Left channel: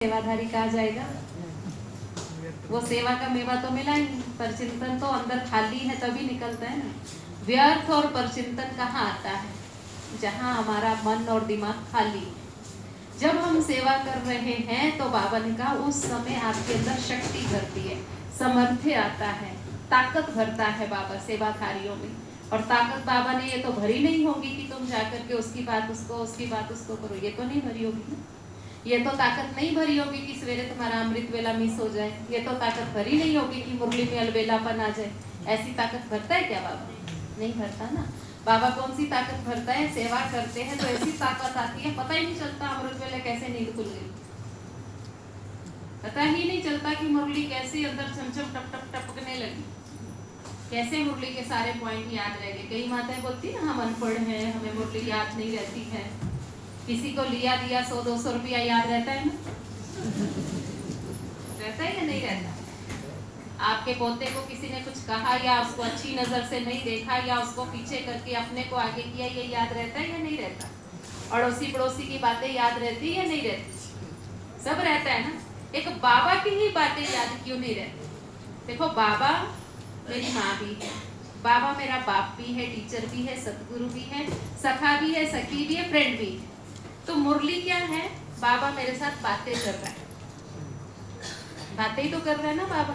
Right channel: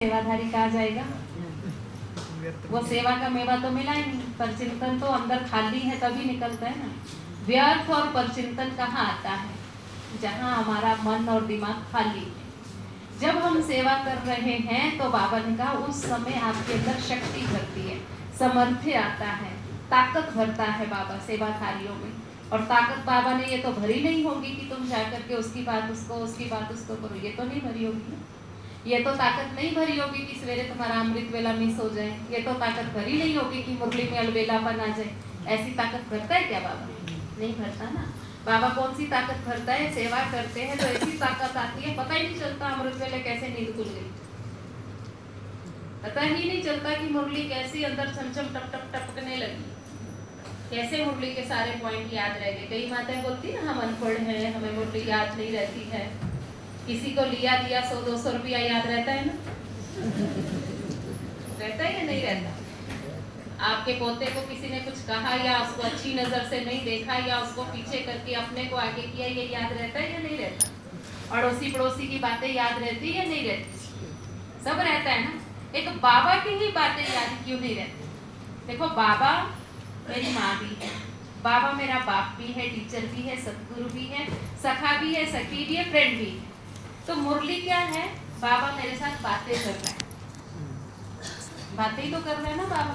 सेवाधारी कहा जाएगा। वो सेवा का मेवा तो मिला ही नहीं, परचिंतन तो अंदर खाली है तभी निकलता है ना। व्यर्थ और परचिंतन कहाँ आता है? जहाँ हमारा मन और दिमाग खाली है। जब हम सेवा कर रहे हैं तो बाबा ने कहा उस समय आपके अंदर शक्ति भरती है, सामर्थ्य आता है, ताकत भरता है बाबा सेवा कार्यों में। और ताकत बाबा ने ये तो भरी नहीं होगी कि तुम जाकर के उसकी बात उसको करो, ये तो नहीं भरी होगी ना। ये तो ताकत नहीं भरी होगी कि सवेरे तुम्हारा अमृत वेला मिस हो जाए। ये तो ताकत भरी नहीं होगी कि मुरली में अलबेलापन आ जाए। ऐसी ताकत भरता है क्या बाबा? नहीं भरता ना। बाबा कौन सी ताकत भरता है? सेवा करते हैं तो ऐसी ताकत आती है, पता ही नहीं चलता अमृत वेले कैसे नींद खुल गई, पता ही नहीं चलता कि मुरली कैसी अंदर छमछम टप टप टपकने लगी, कैसे मुरली के सारे पॉइंट याद रह गए। कई माताएं बोलती ना हम अनपढ़ हैं, हमें मुरली याद नहीं रहती है। किसी को लिया दिया 100-200 रुपया याद रहता है ना? रहता है या नहीं रहता? आपके पोते को किसी ने कुछ कहा या उसको अच्छी नजर से नहीं देखा या उसको पीछे करके अपने को आगे किया, ये याद रहता है या नहीं रहता? अड़ोसी पड़ोसी की बातें याद रहती है या नहीं रहती? सब रहता है ना। एक बाबा की ही बातें याद क्यों नहीं रहती? देखो, बाबा मेरी माँ भी है, बाबा मेरा बाप भी है, टीचर भी है, सतगुरु भी है, सखा भी है, सखी भी है, फ्रेंड भी है। तो मुरली क्या है? बाबा मेरे साथ बातें कर रहा है, बातें ही तो कर रहा है ना बाबा।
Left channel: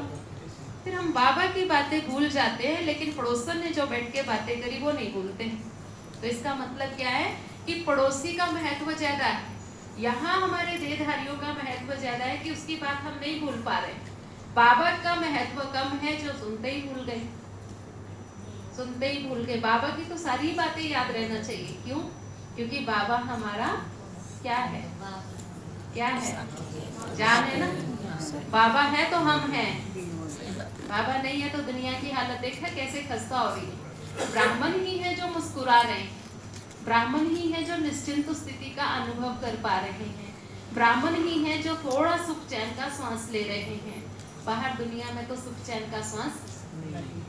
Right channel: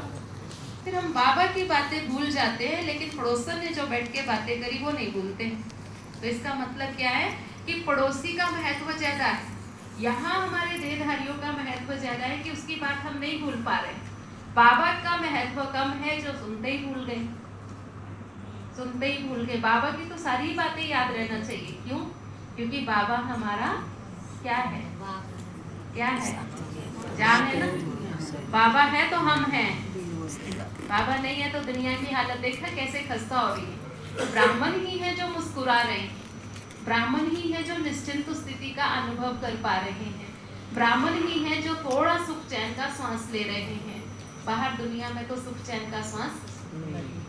फिर हम बाबा की बातें भूल जाते हैं, लेकिन पड़ोसन ने जो बैठ के बातें करी वो नहीं भूलते हैं। तो इसका मतलब क्या है कि पड़ोसी का महत्व ज्यादा है, यहाँ हमारे देहधारियों का महत्व ज्यादा है कि उसकी बात हम नहीं भूल पा रहे। बाबा का महत्व कम है, जो सुनते ही भूल गए, सुनते ही भूल गए। बाबा की तो सारी बातें याद रहना चाहिए। क्यों? क्योंकि बाबा हमारा क्या है? क्या है? जान है ना। बाबा है तो हम हैं, बाबा नहीं है तो दुनिया की हालत देखा कैसे खस्ता हो रही है। ब्राह्मण ही है जो मुस्कुरा रहे हैं, ब्राह्मण ही है जो निश्चिंत स्थिति का अनुभव कर पा रहे हैं, ब्राह्मण ही है जो थोड़ा सुख चैन का श्वास ले रहे हैं। बाहर दुनिया में तो सुख चैन का श्वास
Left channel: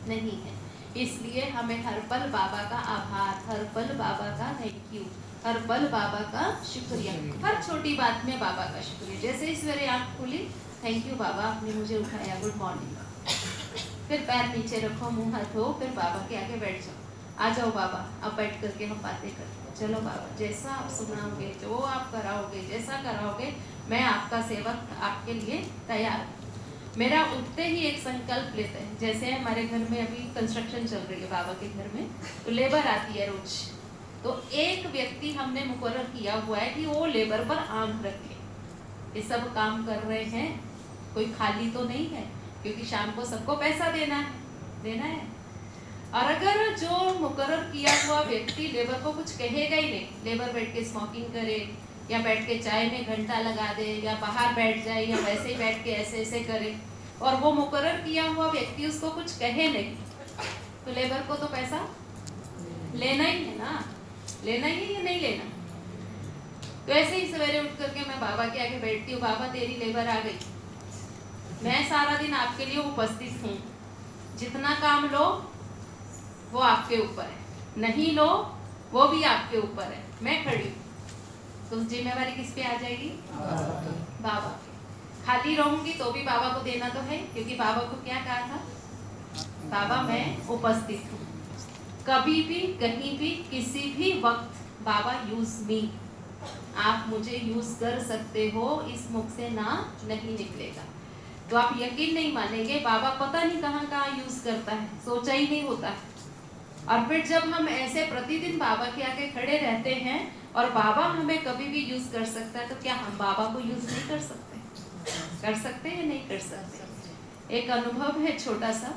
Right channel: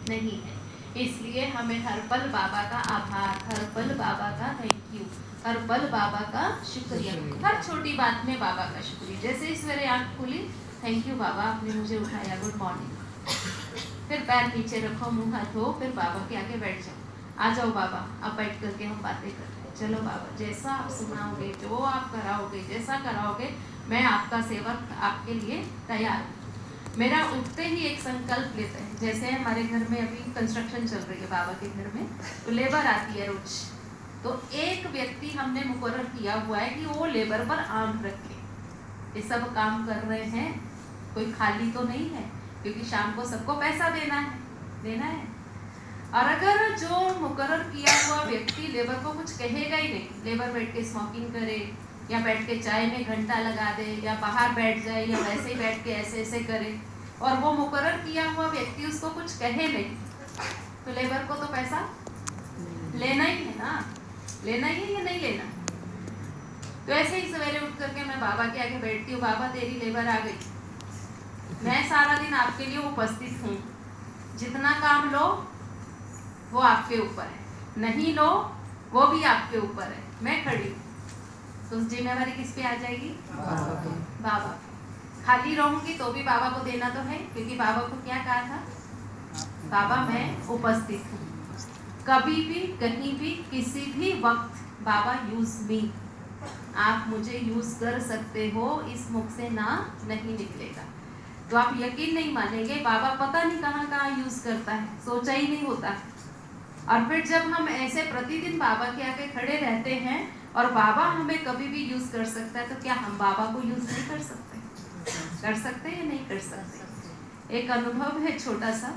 नहीं है। इसलिए हमें हर पल बाबा का आभार, हर पल बाबा का थैंक यू, हर पल बाबा का शुक्रिया, हर छोटी बात में बाबा का शुक्रिया। जैसे इस मेरे आँख खुली, थैंक यू बाबा आपने मुझे उठाया, गुड मॉर्निंग। फिर पैर नीचे रखो, मुंह हाथ धो, फिर बाबा के आगे बैठ जाओ। आ जाओ बाबा, अब बैठ करके हम बातें करते हैं। चलो बाबा, जैसा आप सुनाओगे, जो आप कराओगे, जैसा कराओगे, मैं आपका सेवक आपके लिए तैयार हूँ। मेरा उठते ही एक संकल्प लेता है। जैसे हमारे घर में अभी कंस्ट्रक्शन चल रही है बाबा के घर में, तो लेबर आती है रोज, तो एक व्यक्ति हमने मुकर्रर किया हुआ है कि वो लेबर पर आंख रखे। ये सब काम कर रहे हैं, कोई खाली तो नहीं है, क्योंकि शाम को सबको पैसा देना है। और अगर जो मुकर्रर किया हुआ व्यक्ति लेबर को कुछ कहेगा ही नहीं, लेबर बैठ के स्मोकिंग करे या बैठ के चाय में घंटा लगा दे या बाहर बैठ जाए या वैसे ही बैठ के ऐसे ऐसे करे, और वो मुकर्रर किया हुआ व्यक्ति उसको कुछ कहे नहीं, तो लेबर को तो पैसा लेना ही है ना, लेना ही है या नहीं लेना? तो ऐसे ही सवेरे उठ करके मैं बाबा के आगे बैठती हूँ। बाबा तेरी लेबर आ गई, मैं सारा दिन आपके लिए उपस्थित हूँ, जितना काम लो वो आपके ऊपर है, नहीं लो वो भी आपके ऊपर है, मैं खड़ी हूँ। तो जिम्मेवारी किस पे आ जाएगी? बाबा। खाली रहूंगी तो भी बाबा को देना तो है, क्योंकि बाबा को क्या कहा था? बाबा मैं उपस्थित हूँ, कभी भी कहीं भी किसी भी वक्त बाबा यूज मी, आप मुझे यूज कर सकते हो, इस मुख से ना नहीं निकलेगा। तो आप यकीन नहीं मानेंगे, बाबा पता नहीं कहाँ कहाँ यूज करता है, सोचा ही नहीं होता। और फिर जब हम ऐसे प्रतिदिन बाबा के आगे खड़े रहते हैं और बाबा हमें कभी भी यूज कर सकता है, तो क्या हम बाबा को यूज नहीं कर सकते? कर सकते हैं, नहीं कर सकते? एक अनुभव है छोटा सा,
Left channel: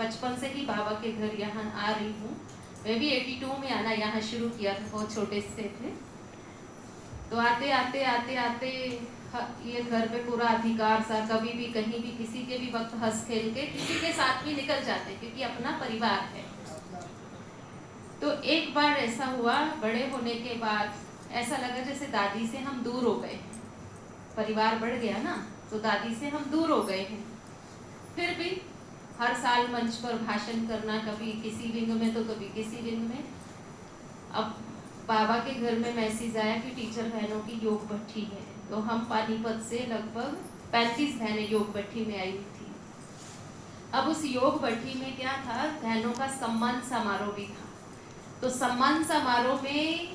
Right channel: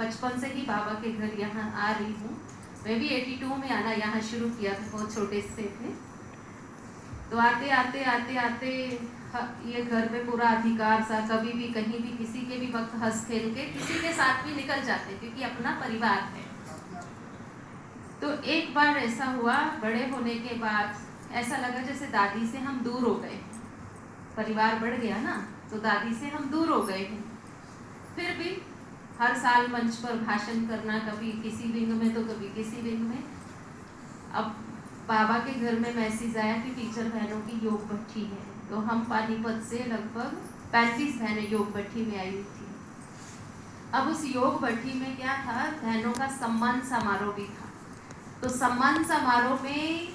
बचपन से ही बाबा के घर यहाँ आ रही हूँ। मैं भी 82 में आना यहाँ शुरू किया था, बहुत छोटे से थे। तो आते आते आते आते ये घर पे पूरा अधिकार सा, कभी भी कहीं भी किसी के भी वक्त हंस खेल के किसी के साथ भी निकल जाते, क्योंकि अपना परिवार है। तो एक बार ऐसा हुआ, बड़े होने के बाद ऐसा लगा जैसे दादी से हम दूर हो गए, परिवार बढ़ गया ना, तो दादी से हम दूर हो गए हैं। फिर भी हर साल मंच पर भाषण करना, कभी किसी विंग में तो कभी किसी विंग में। अब बाबा के घर में मैसेज आया कि टीचर बहनों की योग भट्ठी है, तो हम पानीपत से लगभग 35 बहनें योग भट्टी में आई हुई थी। अब उस योग भट्टी में क्या था, बहनों का सम्मान समारोह भी था। तो सम्मान समारोह में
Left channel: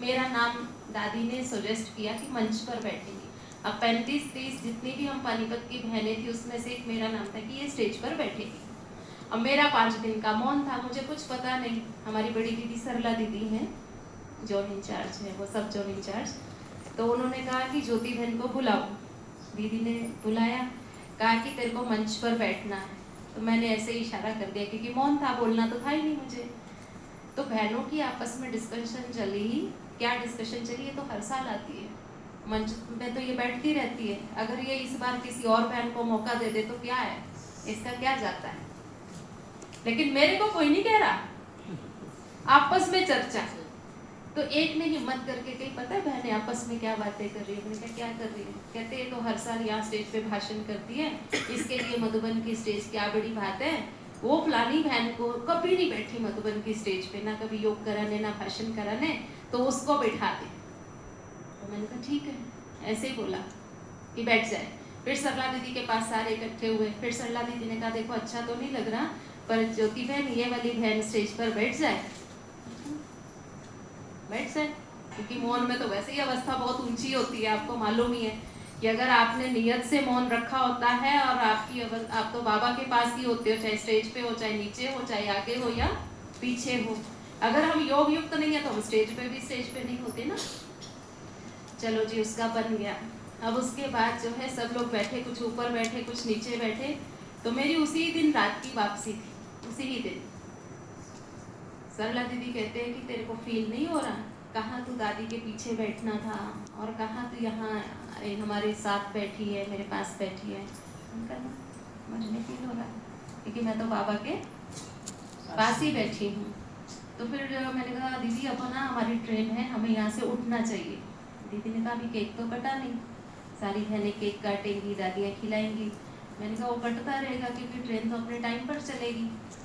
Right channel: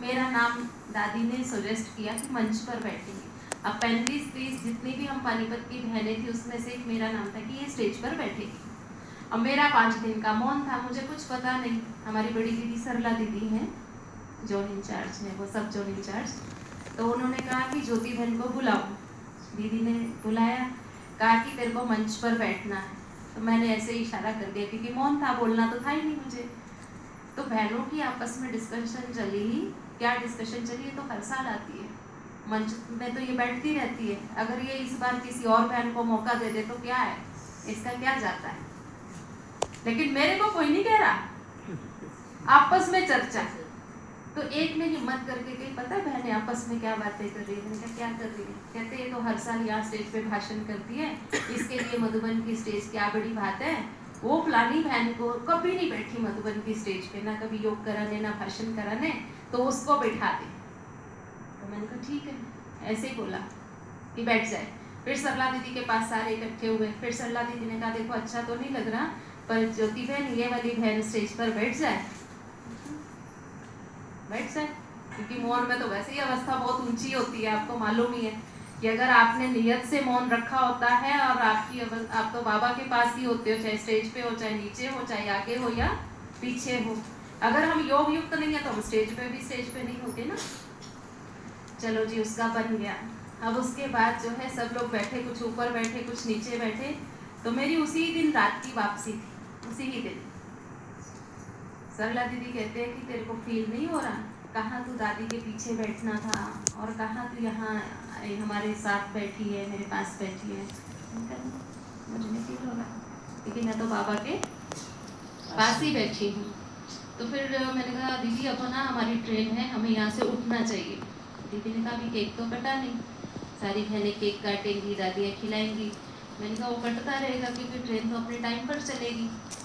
मेरा नाम दादी ने सजेस्ट किया कि मंच पर बैठेंगे। अब 35-30 जितनी भी हम पानीपत की बहनें थी उसमें से एक मेरा नाम था कि ये स्टेज पर बैठेगी। अब मेरा 5 दिन का मौन था, मुझे कुछ पता नहीं। हमारी बड़ी दीदी सरला दीदी हैं, जोन इंचार्ज है, वो सब जोन इंचार्ज, तो उन्होंने कहा कि ज्योति बहन को बुलाओ। दीदी ने बुलाया, कहा कि तेरे को मंच पर बैठना है। तो मैंने ऐसे ही इशारा कर दिया क्योंकि मौन था, बोलना तो था ही नहीं मुझे। तो बहनों की आपस में डिस्कशन चली। क्या डिस्कशन चली, ये तो हर साल आती है मंच में, तो ये बैठती रहती है। अगर ये इस बार किसी और बहन को मौका दे दे तो क्या है, इसका क्या जाता है। लेकिन मेरे को कोई नहीं कह रहा, आपस में चर्चा। तो एक ने हिम्मत करके कही, पता है बहनें आपस में क्या बातें कर रही है। मैंने कहा क्या कर रही है। कहते ये तो हर साल यहाँ स्टेज पे भाषण करती है, इसके लिए मधुबन की स्टेज क्या बड़ी बात है। वो फलानी बहन को कभी नहीं बैठी मधुबन की स्टेज पे, ना कभी योग कराने ना भाषण कराने, तो उसको बैठा दे। तो मैंने कहा ठीक है, ऐसे ही बोला कि बैठ जाए। फिर सरला दीदी के पास सारे इकट्ठे हुए। फिर सरला दीदी ने कहा देखो अच्छा तो नहीं लग रहा, पर ज्योति बहन ये वाली बहन स्टेज पर बैठ जाए, बैठ जाए। क्योंकि मौन में तो वैसे ही अवस्था बहुत ऊंची होती है, आपको मालूम ही है कि अगर आपने नियत से मौन रखा होता है और आप तो बाबा के पास ही होते हो, चाहे स्टेज पे हो, चाहे नीचे हो, चाहे आगे हो या पीछे हो। अगर हम योग युक्त नहीं है तो हम स्टेज पे नहीं होते ना। चलो जी, उसका बन गया। अब उसके बाद जो है सब लोग बैठे, कुछ ऊपर बैठे कुछ नीचे बैठे। तो मेरी उसी दिन रात की वापसी थी, उसी ही दिन। सरला दीदी कहते हैं कि तेरे को फील नहीं हो रहा, कहाँ तू दादी के पीछे बैठना था और कहाँ तू यहाँ हमारे साथ बैठी है, मेरे पास बैठी है। मुझे नहीं फील हो रहा क्योंकि मैं तो बाबा के पास ही बैठी हूँ। तो फिर मैंने कहा दीदी अब ना हमारी ट्रेन है, हमें यहाँ से उठना चाहिए। दीदी ने कहा अभी केक तो कटा नहीं, सारी बहनें केक काटेंगी, दादियाँ खिलाएंगी। मैंने कहा वो कटता रहेगा क्योंकि ट्रेन तो अपने टाइम पर चलेगी।